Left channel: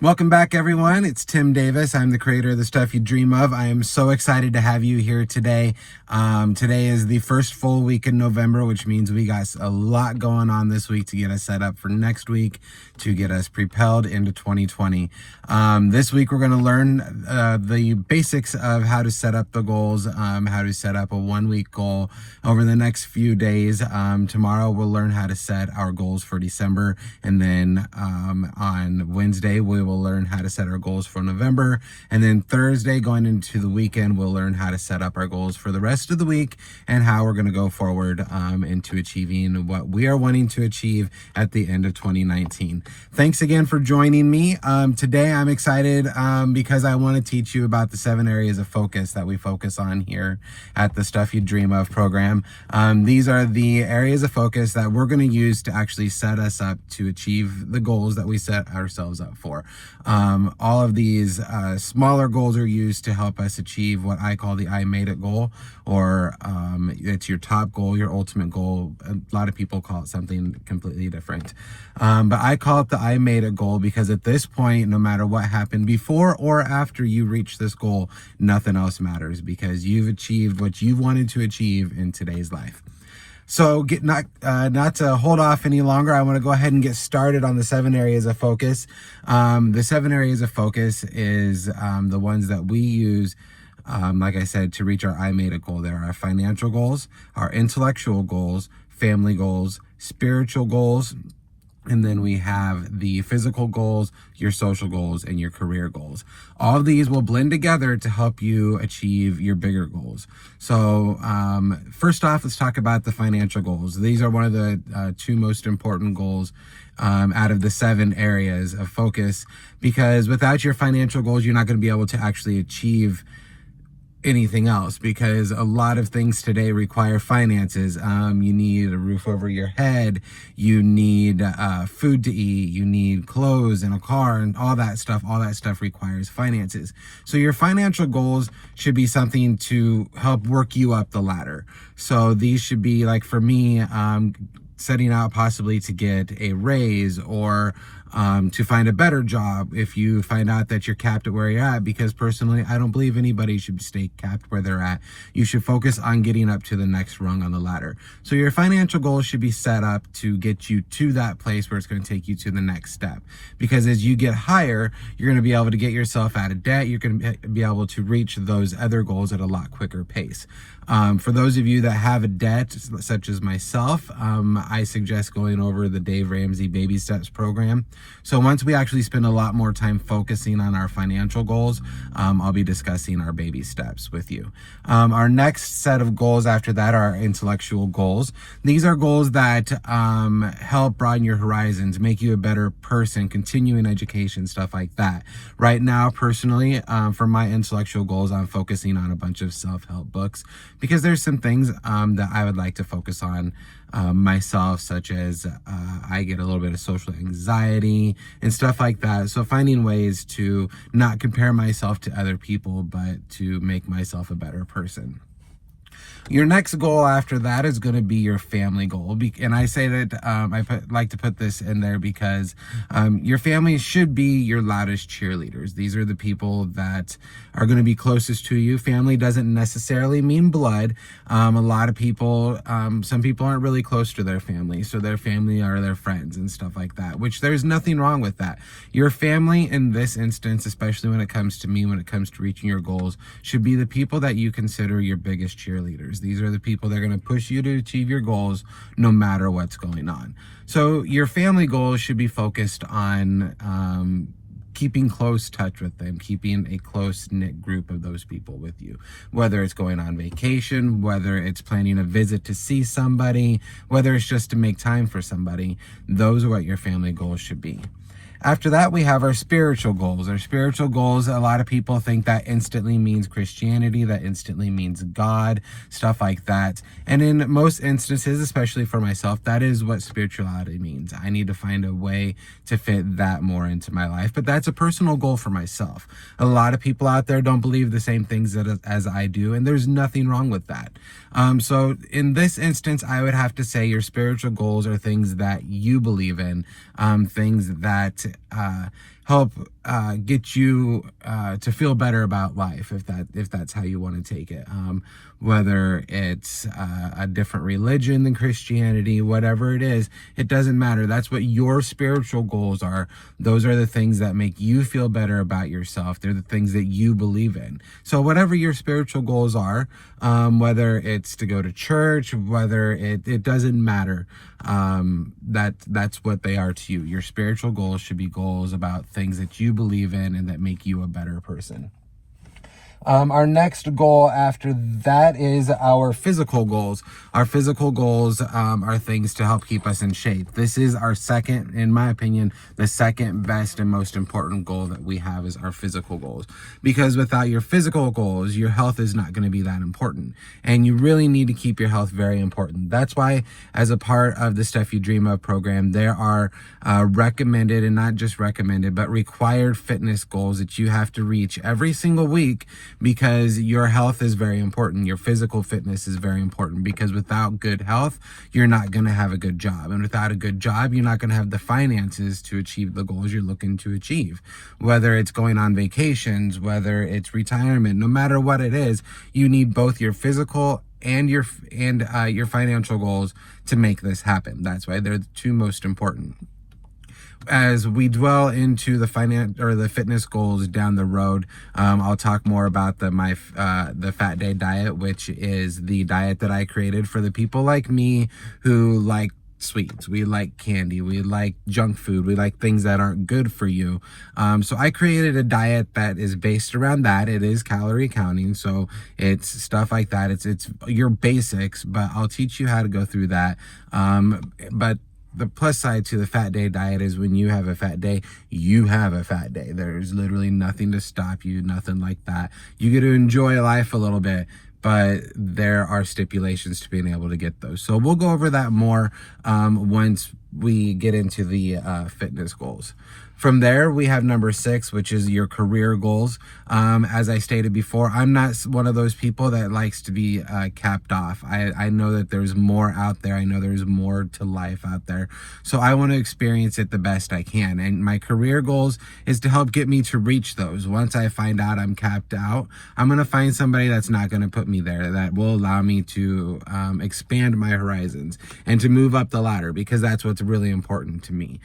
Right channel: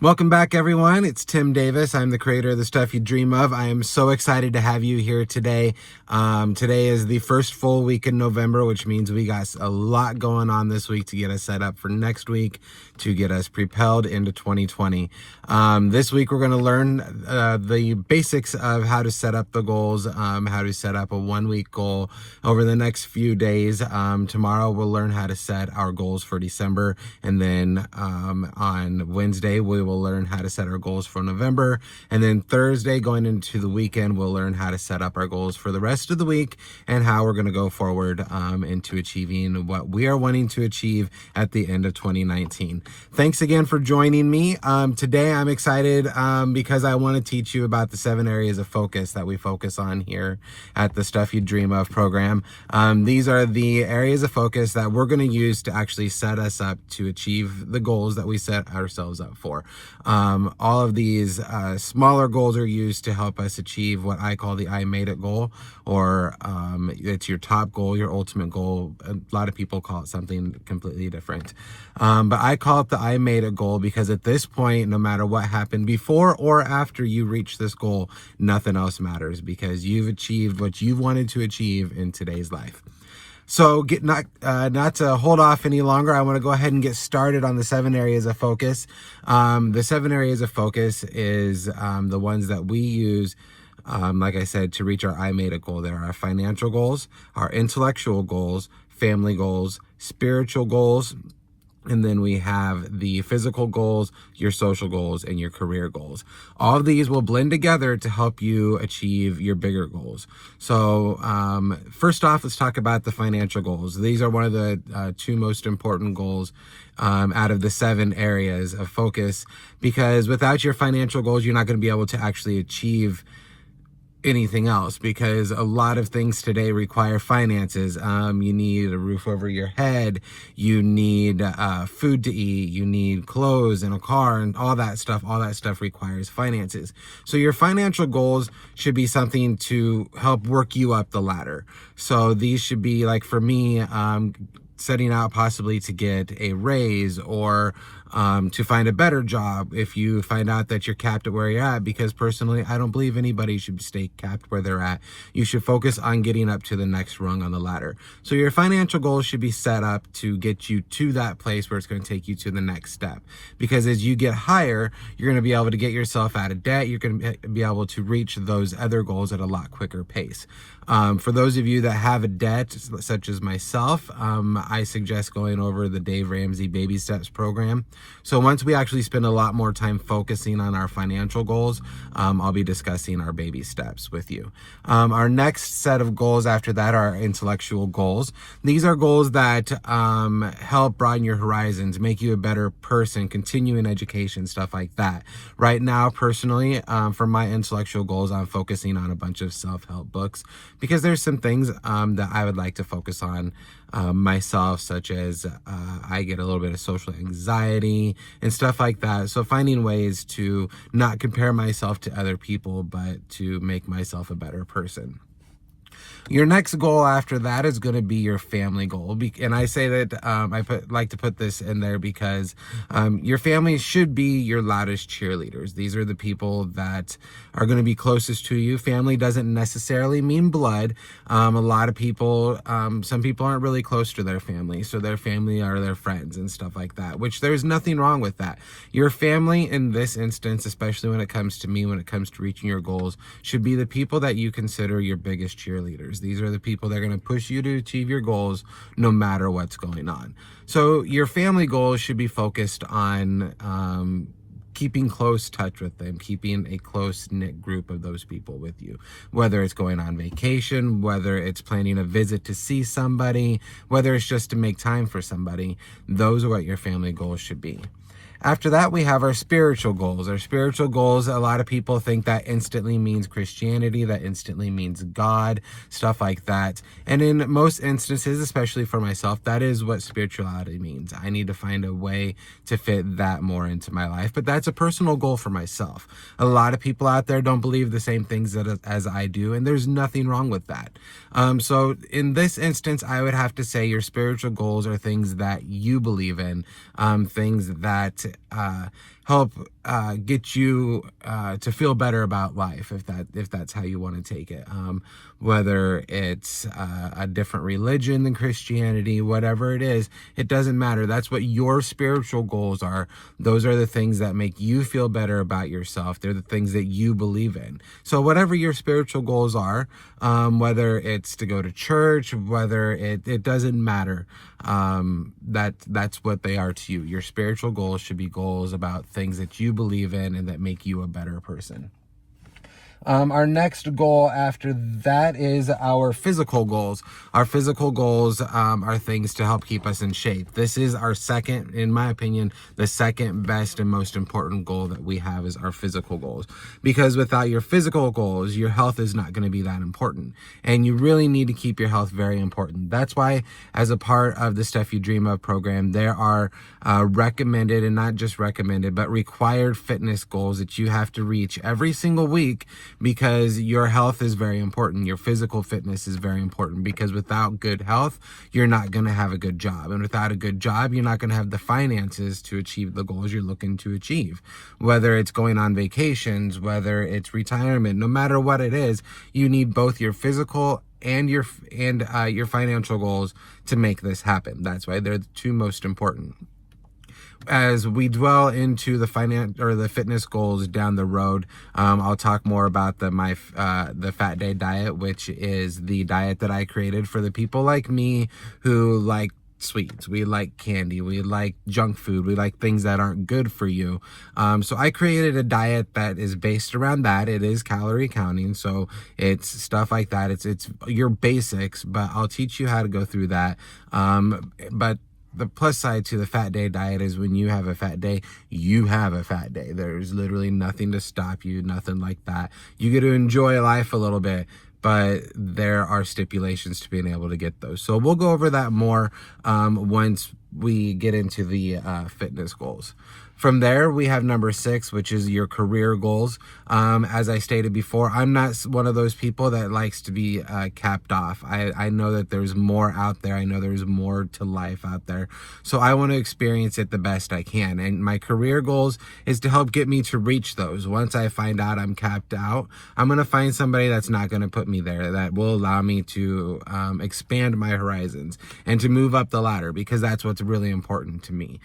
Welcome back, everyone. It's Tim Davis. I'm the creator of The Stuff You Dream Of. I am so excited to have you here today. Today is the first full week in November, which means we got a lot going on this week to get us set up for next week, to get us propelled into 2020. This week, we're going to learn the basics of how to set up the goals, how to set up a 1-week goal over the next few days. Tomorrow, we'll learn how to set our goals for December. And then on Wednesday, we will learn how to set our goals for November. And then Thursday, going into the weekend, we'll learn how to set up our goals for the rest of the week and how we're going to go forward into achieving what we are wanting to achieve at the end of 2019. Thanks again for joining me. Today, I'm excited because I want to teach you about the 7 areas of focus that we focus on here at the Stuff You Dream Of program. These are the areas of focus that we're going to use to actually set us up to achieve the goals that we set ourselves up for. All of these smaller goals are used to help us achieve what I call the I made it goal, or it's your top goal, your ultimate goal. A lot of people call it something completely different. But I call it the I made it goal because at this point, no matter what happened before or after you reach this goal, nothing else matters because you've achieved what you wanted to achieve in today's life. So not to hold off any longer, I want to go ahead and get started on the 7 areas of focus. The 7 areas of focus is the ones that we use, like I said, to reach our I made it goal. There are our financial goals, our intellectual goals, family goals, spiritual goals, and then we have the physical goals, your social goals, and your career goals. All of these will blend together to help you achieve your bigger goals. So first off, let's talk about the financial goals. These are one of the 2 most important goals out of the 7 areas of focus, because without your financial goals, you're not going to be able to actually achieve anything else, because a lot of things today require finances. You need a roof over your head, you need food to eat, you need clothes and a car and all that stuff requires finances. So your financial goals should be something to help work you up the ladder. So these should be, like for me, setting out possibly to get a raise, or to find a better job if you find out that you're capped at where you're at, because personally, I don't believe anybody should stay capped where they're at. You should focus on getting up to the next rung on the ladder. So your financial goals should be set up to get you to that place where it's going to take you to the next step. Because as you get higher, you're going to be able to get yourself out of debt. You're going to be able to reach those other goals at a lot quicker pace. For those of you that have a debt, such as myself, I suggest going over the Dave Ramsey Baby Steps program. So once we actually spend a lot more time focusing on our financial goals, I'll be discussing our baby steps with you. Our next set of goals after that are intellectual goals. These are goals that help broaden your horizons, make you a better person, continuing education, stuff like that. Right now, personally, for my intellectual goals, I'm focusing on a bunch of self-help books, because there's some things that I would like to focus on myself, such as I get a little bit of social anxiety and stuff like that. So finding ways to not compare myself to other people, but to make myself a better person. Your next goal after that is going to be your family goal. And I say that like to put this in there because your family should be your loudest cheerleaders. These are the people that are going to be closest to you. Family doesn't necessarily mean blood. A lot of people, some people aren't really close to their family. So their family are their friends and stuff like that, which there's nothing wrong with that. Your family in this instance, especially when it comes to me, when it comes to reaching your goals, should be the people that you consider your biggest cheerleaders. These are the people that are going to push you to achieve your goals no matter what's going on. So your family goals should be focused on keeping close touch with them, keeping a close-knit group of those people with you, whether it's going on vacation, whether it's planning a visit to see somebody, whether it's just to make time for somebody. Those are what your family goals should be. After that, we have our spiritual goals. Our spiritual goals, a lot of people think that instantly means Christianity, that instantly means God, stuff like that. And in most instances, especially for myself, that is what spirituality means. I need to find a way to fit that more into my life. But that's a personal goal for myself. A lot of people out there don't believe the same things as I do, and there's nothing wrong with that. So in this instance, I would have to say your spiritual goals are things that you believe in, things that help get you to feel better about life, if that's how you want to take it. Whether it's a different religion than Christianity, whatever it is, it doesn't matter. That's what your spiritual goals are. Those are the things that make you feel better about yourself. They're the things that you believe in. So whatever your spiritual goals are, whether it's to go to church, whether it doesn't matter. That's what they are to you. Your spiritual goals should be goals about things that you believe in and that make you a better person. Our next goal after that is our physical goals. Our physical goals are things to help keep us in shape. This is our second, in my opinion, the second best and most important goal that we have is our physical goals. Because without your physical goals, your health is not going to be that important. And you really need to keep your health very important. That's why, as a part of the Stuff You Dream Of program, there are recommended, and not just recommended, but required fitness goals that you have to reach every single week, because your health is very important. Your physical fitness is very important, because without good health, you're not going to have a good job. And without a good job, you're not going to have the finances to achieve the goals you're looking to achieve. Whether it's going on vacations, whether it's retirement, no matter what it is, you need both your physical and your financial goals to make this happen. That's why they're the two most important. As we dwell into the fitness goals down the road, I'll talk more about the Fat Day diet, which is the diet that I created for the people like me who like sweets. We like candy. We like junk food. We like things that aren't good for you. So I created a diet that is based around that. It is calorie counting, so it's stuff like that. It's your basics, but I'll teach you how to go through that. But the plus side to the Fat Day diet is when you have a fat day, you have a fat day. There's literally nothing to stop you, nothing like that. You get to enjoy life a little bit, but there are stipulations to being able to get those. So we'll go over that more once we get into the fitness goals. From there, we have number 6, which is your career goals. As I stated before, I'm not one of those people that likes to be capped off. I know that there's more out there. I know there's more to life out there. So I want to experience it the best I can. And my career goals is to help get me to reach those. Once I find out I'm capped out, I'm going to find somebody that's not going to put me there, that will allow me to expand my horizons and to move up the ladder, because that's what's really important to me.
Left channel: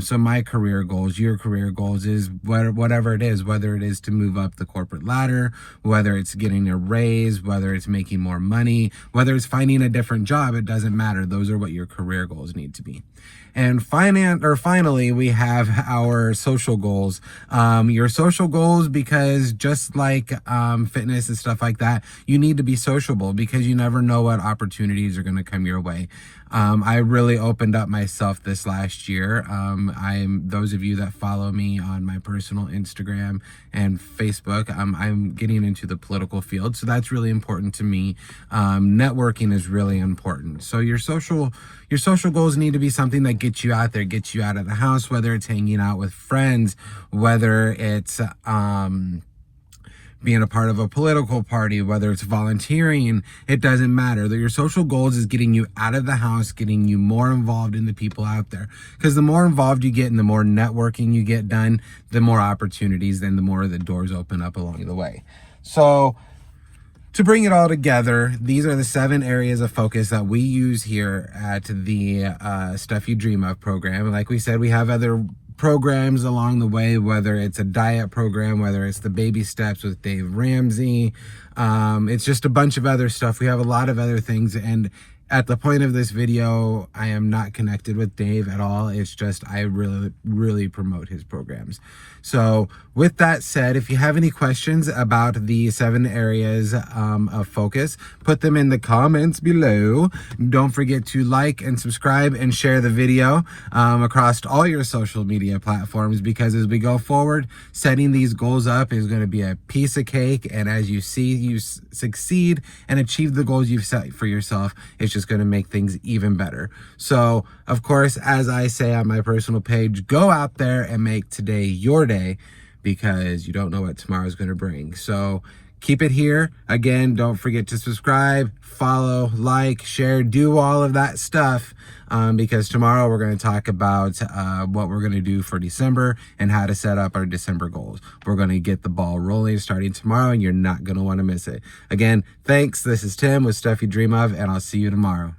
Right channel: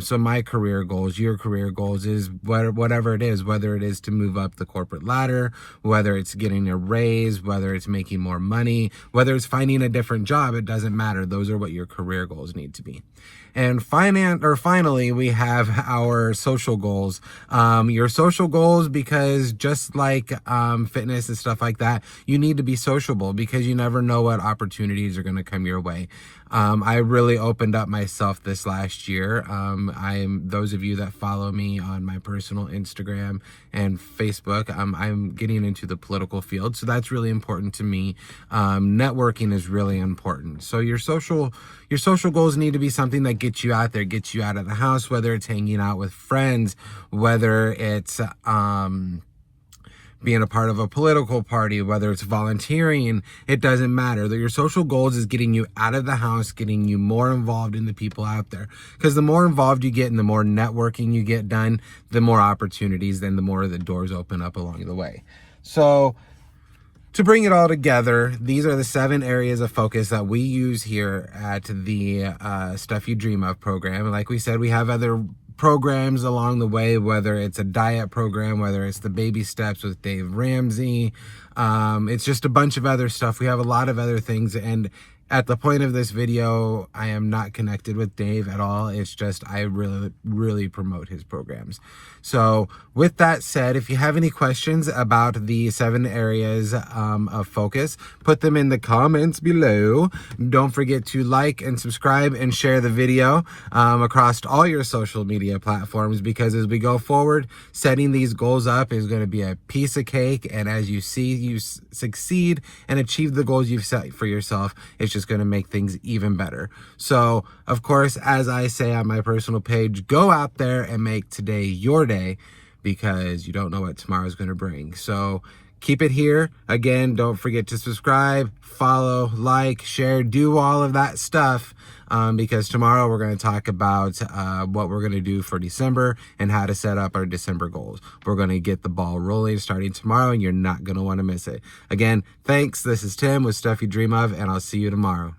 So my career goals, your career goals is whatever it is, whether it is to move up the corporate ladder, whether it's getting a raise, whether it's making more money, whether it's finding a different job, it doesn't matter. Those are what your career goals need to be. And finally, we have our social goals. Your social goals, because just like fitness and stuff like that, you need to be sociable, because you never know what opportunities are going to come your way. I really opened up myself this last year. Those of you that follow me on my personal Instagram and Facebook, I'm getting into the political field, so that's really important to me. Networking is really important. So your social goals need to be something that gets you out there, gets you out of the house, whether it's hanging out with friends, whether it's being a part of a political party, whether it's volunteering, it doesn't matter. Your social goals is getting you out of the house, getting you more involved in the people out there. Because the more involved you get and the more networking you get done, the more opportunities, then the more the doors open up along the way. So to bring it all together, these are the 7 areas of focus that we use here at the Stuff You Dream Of program. Like we said, we have other programs along the way, whether it's a diet program, whether it's the baby steps with Dave Ramsey. It's just a bunch of other stuff. We have a lot of other things, and at the point of this video, I am not connected with Dave at all. It's just I really promote his programs. So with that said, if you have any questions about the 7 areas of focus, put them in the comments below. Don't forget to like and subscribe and share the video across all your social media platforms, because as we go forward, setting these goals up is going to be a piece of cake. And as you see you succeed and achieve the goals you've set for yourself, it's just going to make things even better. So, of course, as I say on my personal page, go out there and make today your day, because you don't know what tomorrow is going to bring. So keep it here. Again, don't forget to subscribe, follow, like, share, do all of that stuff. because tomorrow we're going to talk about what we're going to do for December and how to set up our December goals. We're going to get the ball rolling starting tomorrow, and you're not going to want to miss it. Again, thanks. This is Tim with Stuff You Dream Of, and I'll see you tomorrow.